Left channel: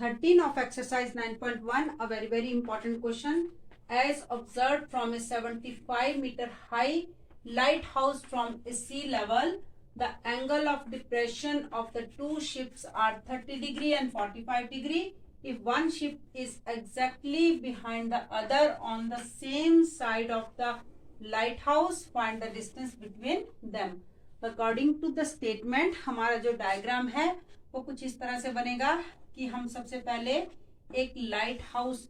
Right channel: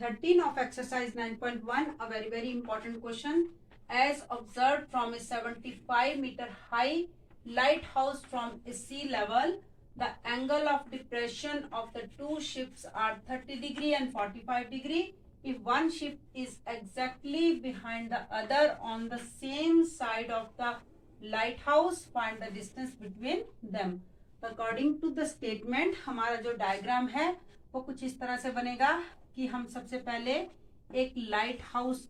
13 of exercise 9.1, a very important question. As observed from a 75-meter high lighthouse from a sea level, the angle of depression of the two ships are 30 degree and 45 degree. If one ship is exactly behind the other on the same side of the lighthouse, find the distance between them. According to the statement, हमारा जो diagram है वो कुछ इस तरह से बनेगा कि हम सबसे पहले एक लाइट हाउस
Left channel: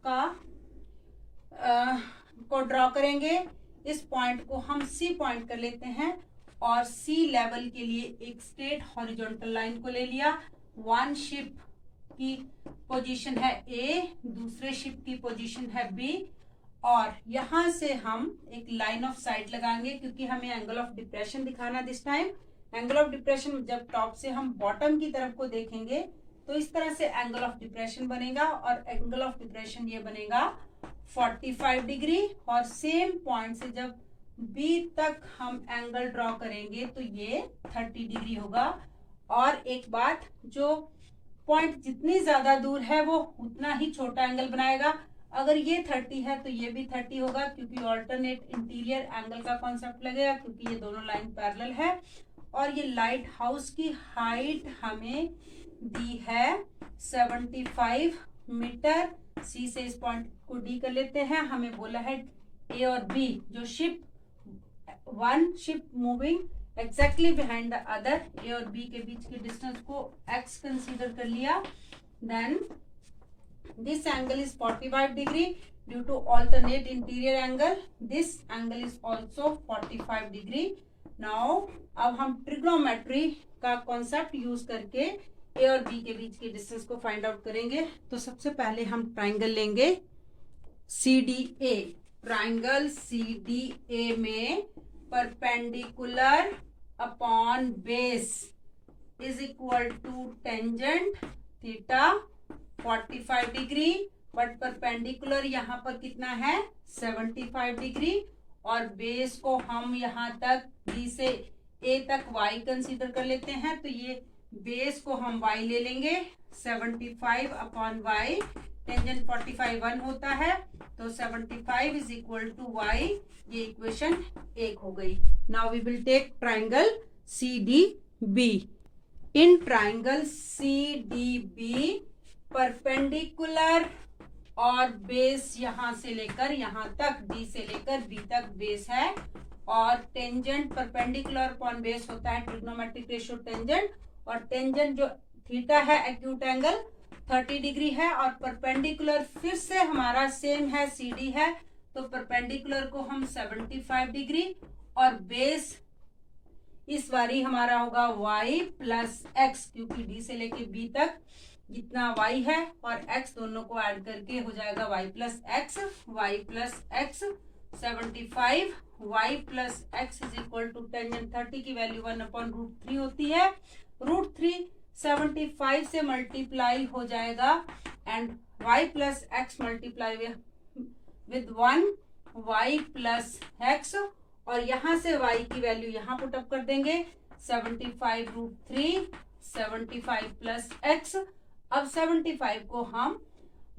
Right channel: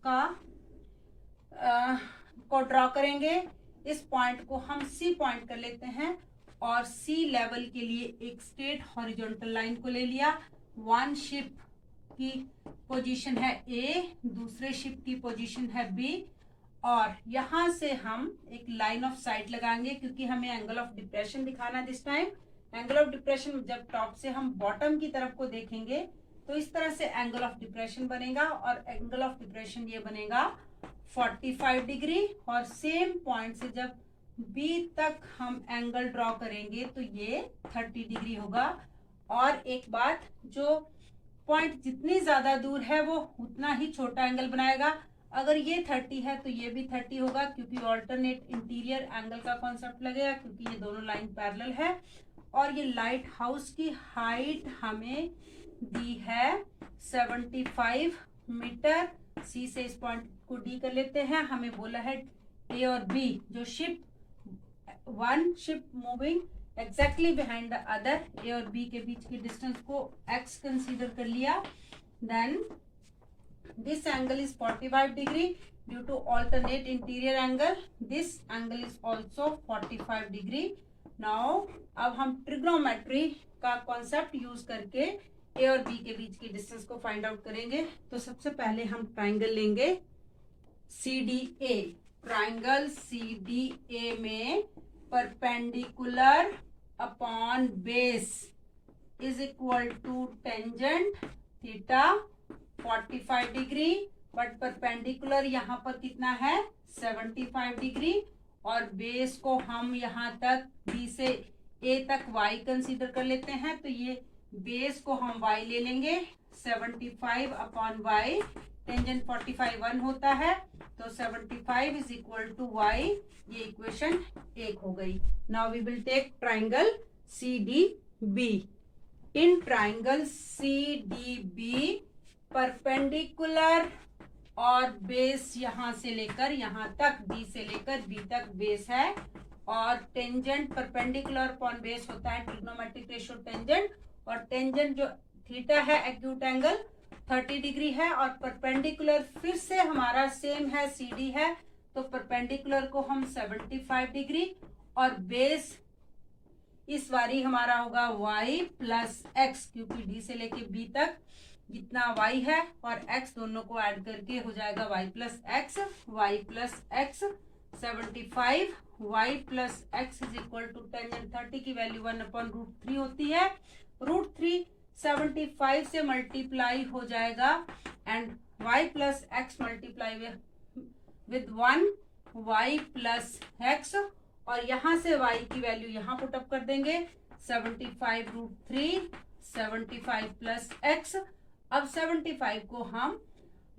को ड्रॉ करेंगे. इस पॉइंट को हम सी पॉइंट कर लेते हैं और सी लेवल के लिए एक स्ट्रेट हॉरिजॉन्टल लाइन को ले लिया. वन शिप की पोजीशन है ए, दूसरे शिप की पोजीशन है बी और यहां से हम एक लाइन ऑफ साइट लगाएंगे क्योंकि हमें एंगल ऑफ डिप्रेशन दिखाना. This time angle of depression जब टॉप से हम बॉटम की तरफ को देखेंगे तो इस तरह से एंगल ऑफ डिप्रेशन बनेगा और एंगल ऑफ डिप्रेशन ये बनेगा 45 डिग्री. और सेम पॉइंट से जब बी तक हम एंगल ड्रॉ करेंगे तो ये 30 डिग्री होगा. और एक बात, जो पॉइंट जितनी ज्यादा दूर है वो उतना ही छोटा एंगल बनाएगा. अगर ये 30 है तो ये भी 30 होगा क्योंकि ऑल्टरनेट इंटीरियर एंगल का कॉन्सेप्ट लगेगा क्योंकि ये दोनों लाइन पैरेलल है. और ये लाइट हाउस की हाइट हमें दी है 75 मीटर. सी से इस पॉइंट को डी कर लेते हैं. हमें बोला है ए और बी, जो ship one ship moving exactly behind the other, A और बी के बीच के डिस्टेंस को एक्स कंसीडर कर लिया. Then this angle is 45 degree due to alternate interior angle. This angle is also 45 degree. Now अब हम ट्रिग्नोमेट्री का कॉन्सेप्ट यूज करके ए और बी के बीच के डिस्टेंस को फाइंड आउट करेंगे. तो सबसे पहले हम ट्राइंगल लेंगे CDA. ट्राइंगल CDA में perpendicular upon base is equal to tangent theta 45 degree, but perpendicular यहाँ पर कितना है 75 डिग्री. और बेस को हम यहाँ तक बी से ए तक y कंसीडर कर लेते हैं. तो ये बेस को हम y ले लेंगे 75 अपॉन y. टेंजेंट 45 1 होता है तो 75 इज इक्वल टू y. ये इक्वेशन 1 हो गई. Now we will take triangle CDB. In triangle CDB perpendicular और बेस यहां से लेकर यहां तक, बी से लेकर बी तक बेस है. और टेंजेंट परपेंडिकुलर अपॉन बेस होता है ट्रिग्नोमेट्रिक रेशियो टेंजेंट. और टेंजेंट जो थीटा है एक्यूट एंगल 30 डिग्री है. और परपेंडिकुलर फिर से हमारा सेम है CD है तो परपेंडिकुलर को हम 75 डिग्री और बेस इस बारी हमारा होगा y प्लस एक्स क्योंकि डी से लेके बी तक जितना y है और x दोनों को ऐड करके हो जाएगा y plus x. 75 y plus x is equal to tangent 30 की वैल्यू 1/√3 होती है. √3 75 से मल्टीप्लाई हो जाएगा and y plus x multiply with 1 y plus x. और यहां से y की वैल्यू यहां पुट अप कर देंगे 75√3 75 प्लस एक्स. अब 75 को हम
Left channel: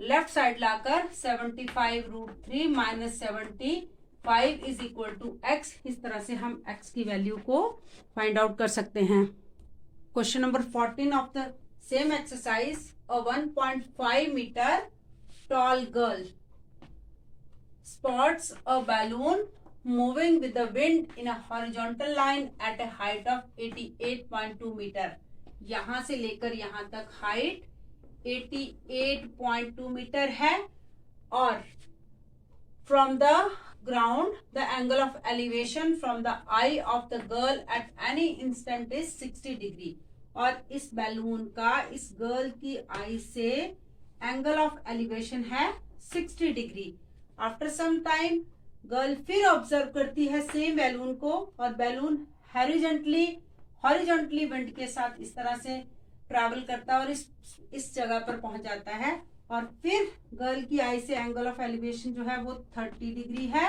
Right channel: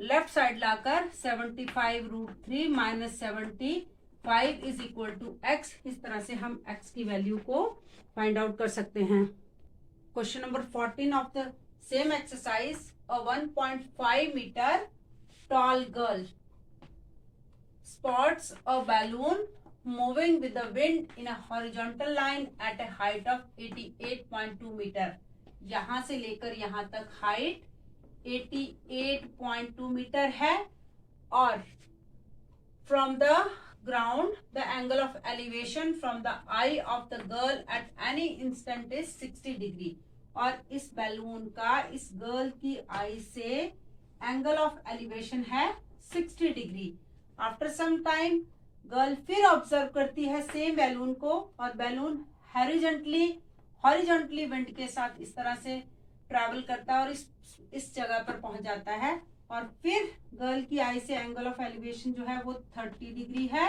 लेफ्ट साइड लाकर 75√3 minus 75 is equal to x. इस तरह से हम x की वैल्यू को फाइंड आउट कर सकते हैं. Question number 14 of the same exercise. A 1.5 metre tall girl spots a balloon moving with the wind in a horizontal line at a height of 88.2 metre. यहां से लेकर यहां तक हाइट 88.2 मीटर है. और from the ground the angle of elevation from the I of the girl at any instant is 60 degree. और इस balloon का इस गर्ल की आई से एंगल ऑफ एलिवेशन है 60 degree. After some time girl फिर ऑब्जर्व करती है सेम बैलून को और बैलून हॉरिजॉन्टली विंड के साथ इस तरह से ट्रैवल करता है और इस जगह पर पहुंच जाता है. और फिर गर्ल की आई से एंगल ऑफ एलिवेशन जो है वो 30 डिग्री है.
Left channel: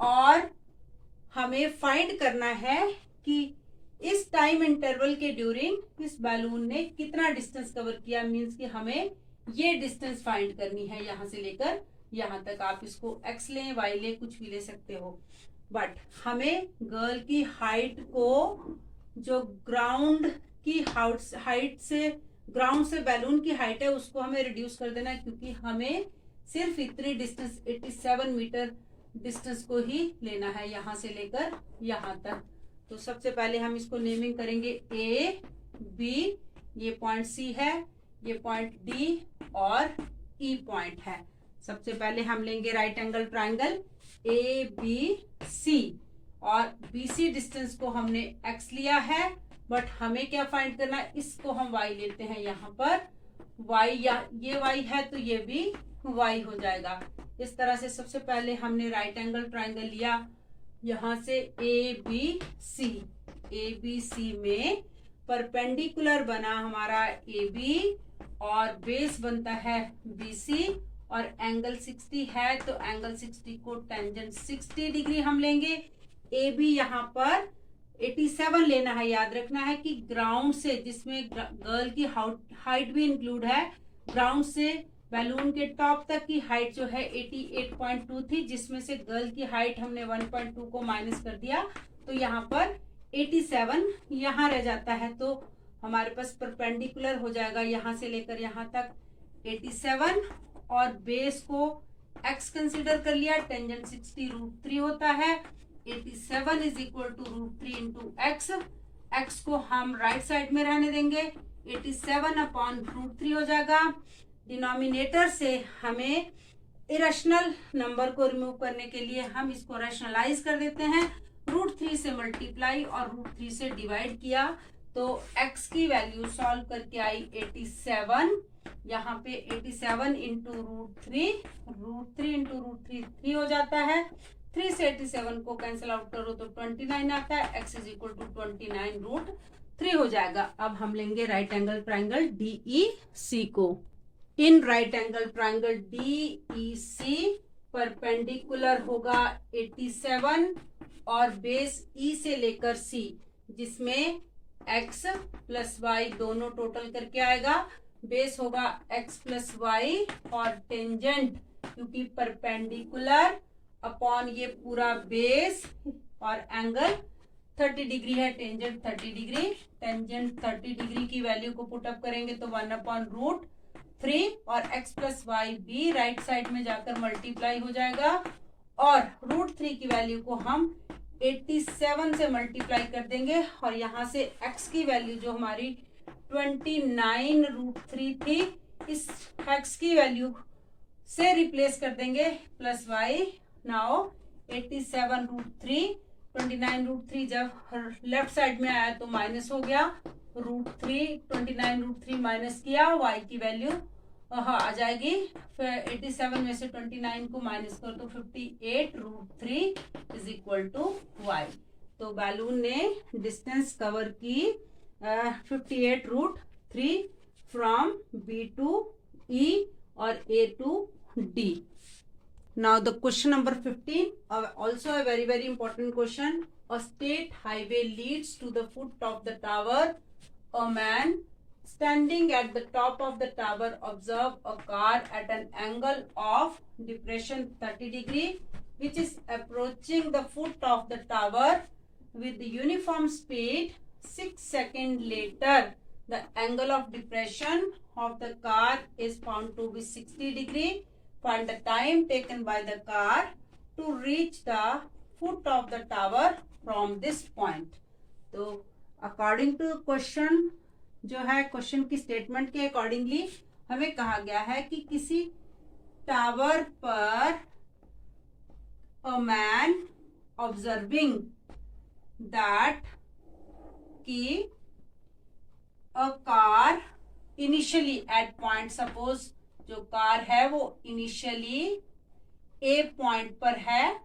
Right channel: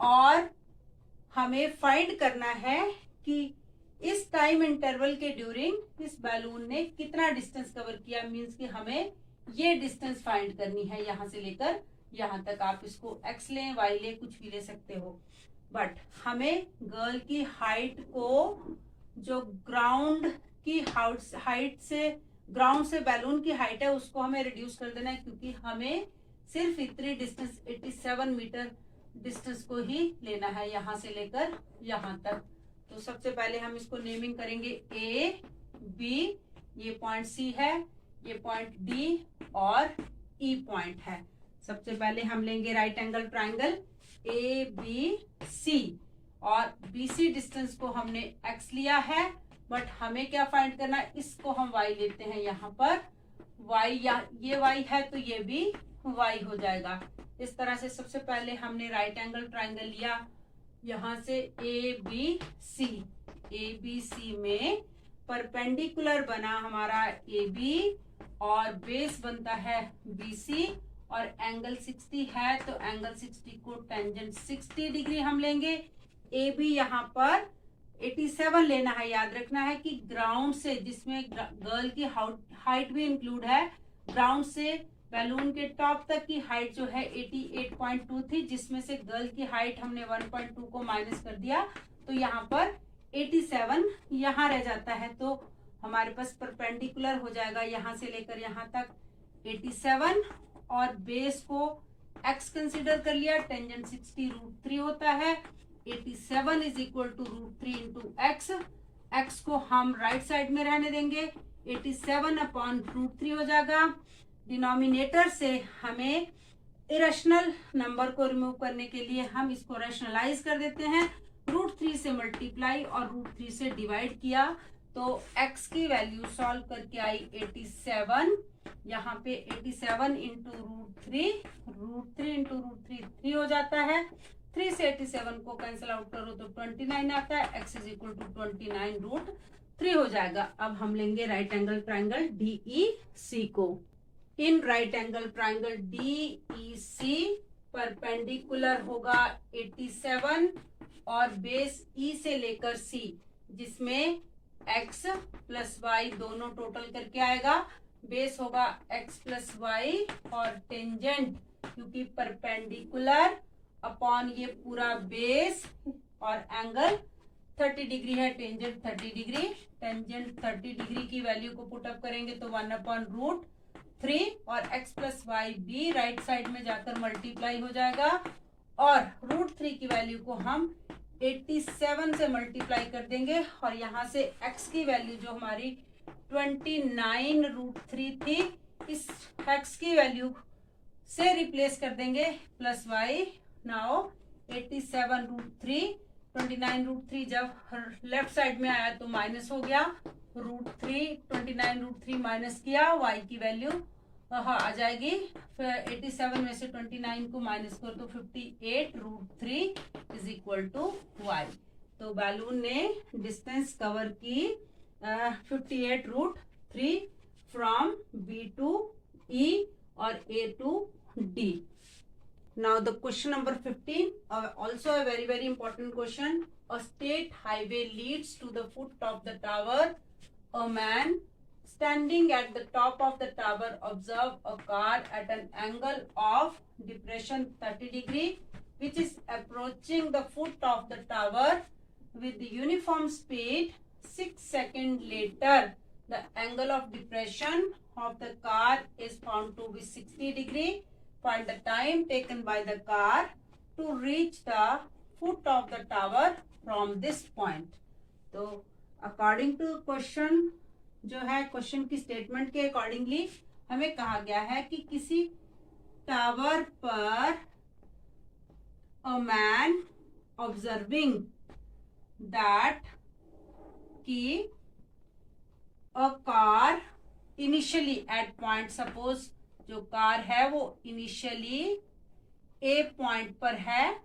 और हमें फाइंड करना है कि इस टाइम इंटरवल के ड्यूरिंग इस बैलून ने कितना डिस्टेंस कवर किया. मींस कि हमें ये डिस्टेंस फाइंड करनी है यहाँ से लेकर यहाँ तक। आप इसको x लें, y लें, कुछ भी ले सकते हो, बट हमें गर्ल की हाइट को, जो ग्राउंड की हाइट से, ग्राउंड से बैलून की हाइट है, उसको हमें रिड्यूस कर देना है, क्योंकि हमें सिर्फ इतनी डिस्टेंस 87 मीटर डिस्टेंस को ही लेना है यहाँ से लेकर यहाँ तक। तो सबसे पहले हम इसको नेमिंग करेंगे ए बी, ये पॉइंट सी है, ये पॉइंट डी और ई पॉइंट है। सबसे पहले हम लेंगे right angle triangle A B C, और बी सी डिस्टेंस को हमने एक्स लिया है, बट हमें क्या फाइंड करना है, इसको हम वाई लेते हैं यहाँ पर। वाई, या ये वाई है तो ये भी वाई हो जाएगा। इस तरह से सबसे पहले हमने राइट एंगल ट्राइंगल लिया यहाँ से ए बी सी में परपेंडिकुलर बना हमारा ए बी और बेस बनता है बी सी, और एंगल 60 है तो एंगल 60 को टेंजेंट 60 डिग्री हम लेंगे। ए बी यहाँ पर 87 लेना है। याद रखना है कि ग्राउंड से, जिसमें गर्ल की हाइट भी इंक्लूड है, ग्राउंड से बैलून के टॉप तक की हाइट जो है 88.2 थी, जिसमें से गर्ल की हाइट हमने 1.2 को माइनस कर दिया, तो यहाँ पर 87 यहाँ रह जाता है। तो हमारे पास परपेंडिकुलर हो जाएगा यहाँ से लेकर यहाँ तक 87, और बेस को x कंसीडर कर लिया, टेंजेंट 60 √3 होता है। 87 is equal to √3 into x. X को हम राइट साइड में रहने देंगे, 87 अपॉन √3 हो जाएगा। डिनोमिनेटर से हमें इरेशनल नंबर को रिमूव करने के लिए हम इसको रैशनलाइज कर देते हैं। √3 से मल्टीप्लाई और √3 से डिवाइड किया, तो x की वैल्यू सॉल्व करके आई 87। यहाँ पे 87 इंटू √3 इंटू √3 3 हो जाता है। 3 से 87 को कैंसिल आउट करो तो 29 आता है। x इज इक्वल टू 29√3 हो जाएगा। अब हम लेंगे राइट एंगल ट्राइंगल DEC को। In right angle triangle DEC perpendicular होगा 87 और बेस E से लेकर C, जिसमें x प्लस वाई दोनों टोटल करके आएगा। बेस होगा x प्लस वाई और टेंजेंट, क्योंकि परपेंडिकुलर अपॉन ये पूरा बेस, और एंगल 30 डिग्री है, टेंजेंट 30 डिग्री। टेंजेंट 30 डिग्री की वैल्यू को पुटअप करेंगे तो 1/√3, और x प्लस वाई भी राइट साइड में जाकर मल्टीप्लाई हो जाएगा, और √3 की वैल्यू को हम 87 से मल्टीप्लाई कर देंगे, और यहाँ से x की वैल्यू जो हमारी 29√3 थी, इस x की वैल्यू से रिप्लेस कर देंगे प्लस वाई। नाउ 87√3, 29√3 जब लेफ्ट साइड में आया तो माइनस हो गया, √3, 29√3 माइनस किया, y की वैल्यू आ जाएगी। फिर 87 में से 29 को माइनस कर तो 58√3 इज इक्वल टू y। तो बैलून ने डिस्टेंस कवर की 58√3 फ्रॉम B to E और A to D। Now the question number 15, also a very very important question. A state highway leads to the foot of the tower. A man standing at the top of the tower observe a car at an angle of depression 30 degree, which is approaching the foot of the tower with the uniform speed. 6 seconds later, the angle of depression of the car is found to be 60 degree. Find the time taken by the car to reach the foot of the tower from this point. तो according to question, जो है question की statement के accordingly हमें कहा गया है कि किसी टावर पर अ मैन ऑब्जर्विंग दैट कि a car initially at point, suppose जो कार है वो इनिशियली ए पॉइंट पर है,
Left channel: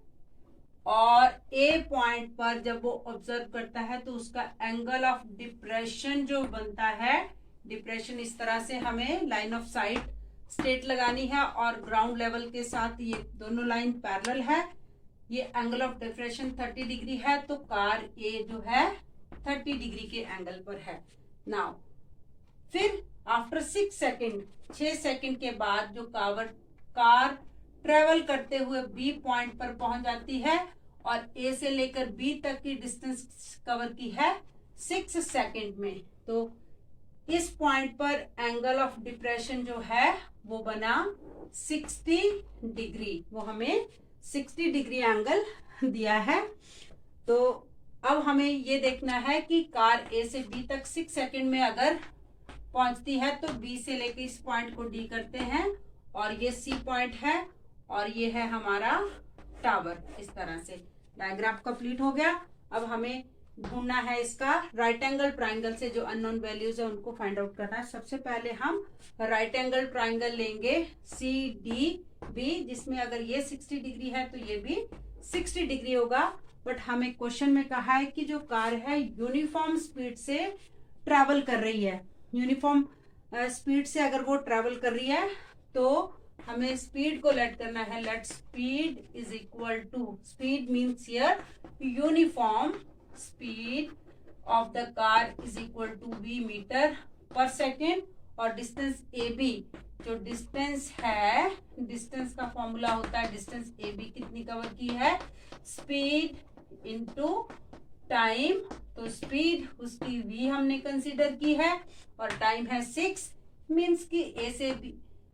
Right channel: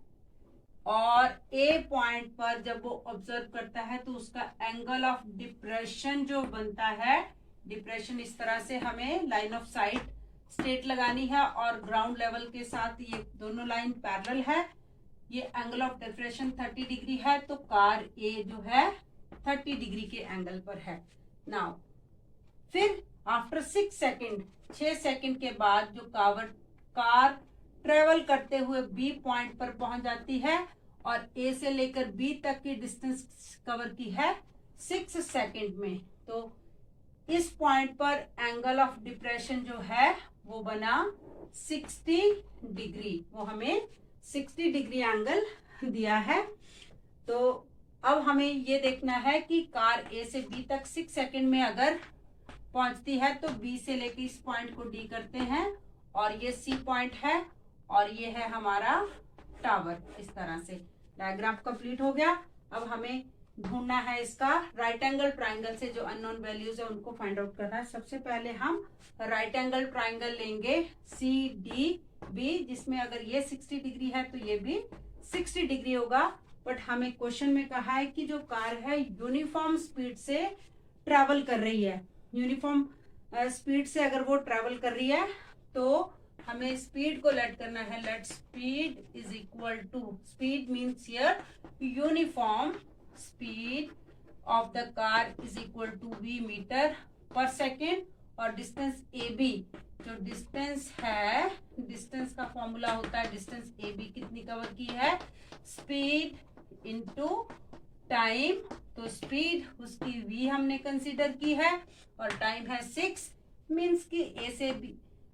और ए पॉइंट पर जब वो ऑब्जर्व करता है तो उसका एंगल ऑफ डिप्रेशन जो बनता है, डिप्रेशन इस तरह से हमें लाइन ऑफ साइट स्ट्रेट लगानी है, और ग्राउंड लेवल के साथ ये दोनों लाइन पैरेलल है। ये एंगल ऑफ डिप्रेशन 30 डिग्री है, तो कार ए जो है 30 डिग्री के एंगल पर है। नाउ फिर आफ्टर 6 सेकेंड के बाद जो कार ट्रेवल करते हुए बी पॉइंट पर पहुंच जाती है और ए से लेकर बी तक की डिस्टेंस कवर की है 6 सेकेंड में। तो इस पॉइंट पर एंगल ऑफ डिप्रेशन जो है वो बना 60 डिग्री, वो हमें 60 डिग्री एंगल दिया है। तो अब हमें ये देखना है कि कार ए से बी तक 6 सेकेंड में अगर पहुंचती है तो बी से लेके इस पॉइंट को डी करते हैं और ये सी पॉइंट है और ये है हमारा टावर। इस तरह से डायग्राम कंप्लीट हो गया। अब हमें ढूंढना है इसका राइट एंगल ट्राइंगल से जो अननोन वैल्यूज है उनको फाइंड आउट करना है। सबसे पहले हम राइट एंगल ट्राइंगल लेंगे सी डी बी, जिसमें अगर ये 60 डिग्री है तो ये भी 60 डिग्री होगा। बट हमें क्वेश्चन में कहा है कि जो कार है यूनिफॉर्म स्पीड से ट्रैवल कर रही है, यूनिफॉर्म स्पीड से अगर वो ट्रैवल कर रही है तो हमें स्पीड को लेट करना है। Let speed is equal to, speed means here uniform speed of the car is equal to v metre per second और डिस्टेंस ए बी, जो डिस्टेंस है, डिस्टेंस का फॉर्मूला होता है डिस्टेंस ए बी कितनी कवर की है, स्पीड इनटू टाइम। तो स्पीड उसकी v हमने कंसीडर की है और टाइम है 6, मीन्स कि ए से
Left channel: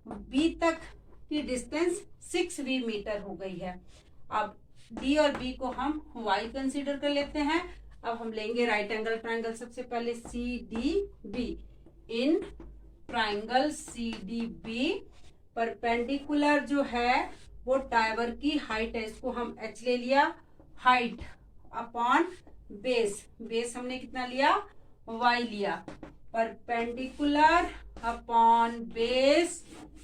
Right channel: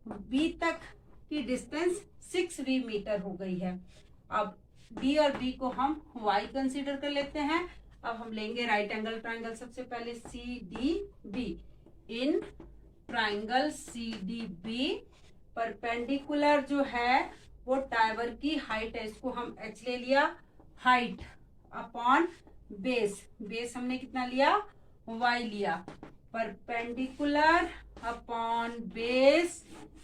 बी तक की डिस्टेंस 6v मीटर हो गई है। अब d और b को हम y कंसीडर कर लेते हैं। अब हम लेंगे राइट एंगल ट्राइंगल। सबसे पहले C D B, in triangle C D B perpendicular जो है वो टावर की हाइट है, इसको हम h ले लिया, हाइट अपॉन बेस, बेस हमने कितना लिया y लिया, perpendicular upon base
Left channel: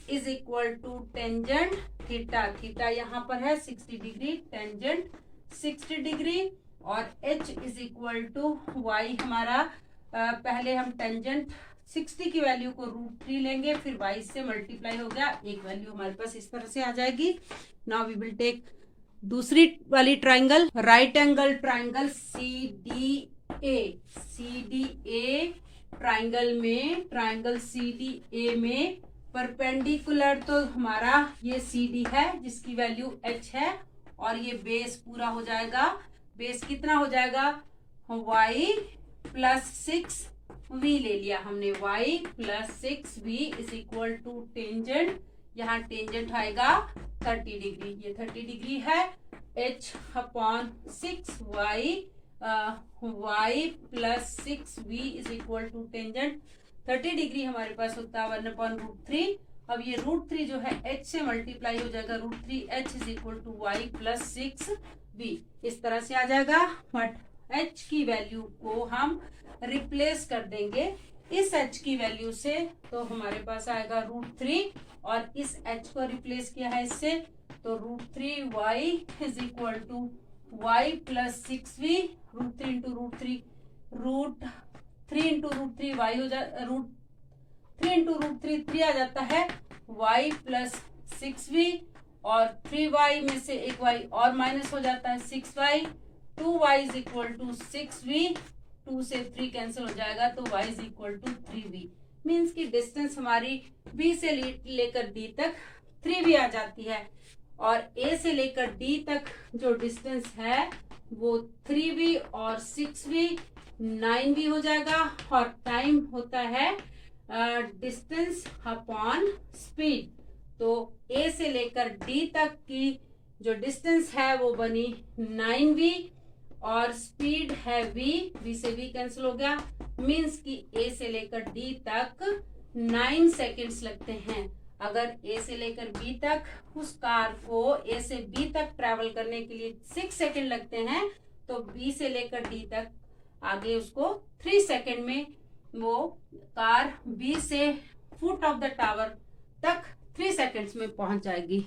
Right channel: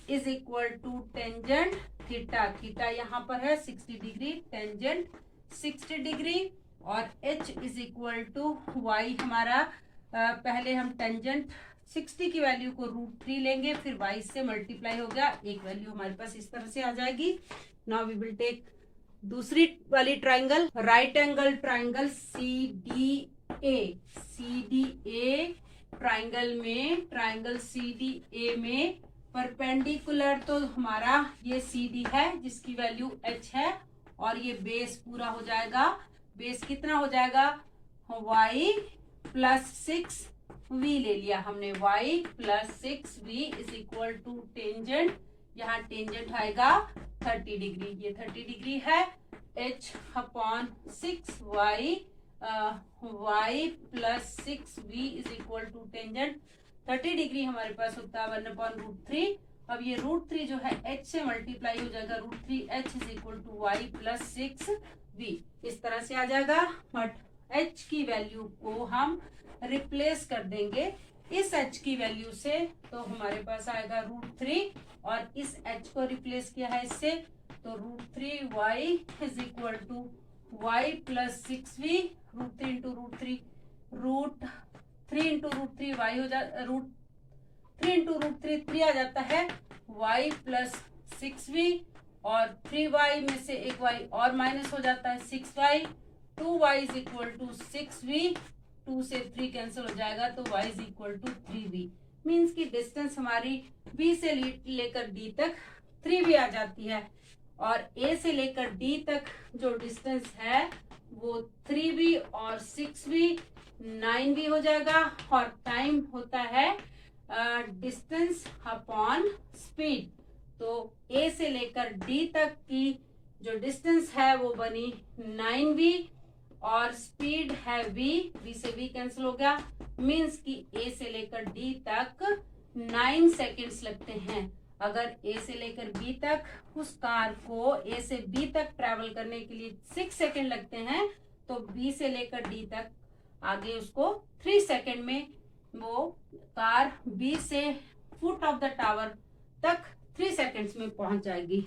is equal to tangent theta, theta यहाँ पर है 60 डिग्री, टेंजेंट 60 डिग्री और h is equal to y हमारा पहले हम टेंजेंट 60 की वैल्यू को √3 लेंगे, फिर y से मल्टीप्लाई हो गया, एक वैल्यू हमारे पास इस तरह से आ जाएगी। नाउ वी विल टेक दूसरी वाली triangle, right angle triangle C D A, C D A triangle में, ट्राइंगल सी डी ए में परपेंडिकुलर तो हमारा ये सी डी है जिसकी वैल्यू h है और ये बेस पूरा हो जाएगा, बेस कितना हो जाएगा y प्लस 6v ले लिया हमने, y plus 6v is equal to tangent, यहाँ टेंजेंट आएगा 30 डिग्री, ये 30 डिग्री है, h upon 6y y plus 6v is equal to tangent 30 degree हमारे पास होता है 1/√3। अब ये √3 जो है h से मल्टीप्लाई हो जाएगा, √3h is equal to y plus 6v, इस तरह से आ जाएगा। बट h की वैल्यू को हम रिप्लेस कर देंगे इस h की वैल्यू से, तो हमारे पास आएगा √3 और इस h को रिप्लेस किया है इससे, तो √3y is equal to y plus 6v, √3 into √3, √3 into √3 y हो जाता, √3 इंटू √3 3 आ जाता है, y प्लस 6v और 3y में से एक y और माइनस हो जाता है 6y, 2y is equal to 6v, 2 से 3 कैंसिल हो जाएगा तो y is equal to 3v, means की डिस्टेंस हमारी b से लेकर d तक 3v आ जाती है और a से लेकर d तक जो डिस्टेंस है वो 3v और 6v 9v हो जाएगा और टाइम होता है डिस्टेंस अपॉन स्पीड। तो a से लेकर d तक की जो डिस्टेंस है वो बनी 9v और स्पीड है v से v कैंसिल हो गया, मीन्स कि a से लेकर d तक 9 सेकेंड्स लगते हैं। अगर a से लेकर b तक उस कार को a से b तक ट्रैवल करने के लिए 6 सेकेंड लगते हैं, तो b से लेकर d तक आगे उसको 3 सेकेंड में वो कार b से फुट ऑफ द टावर तक 3 सेकेंड्स में पहुंच जाएगी।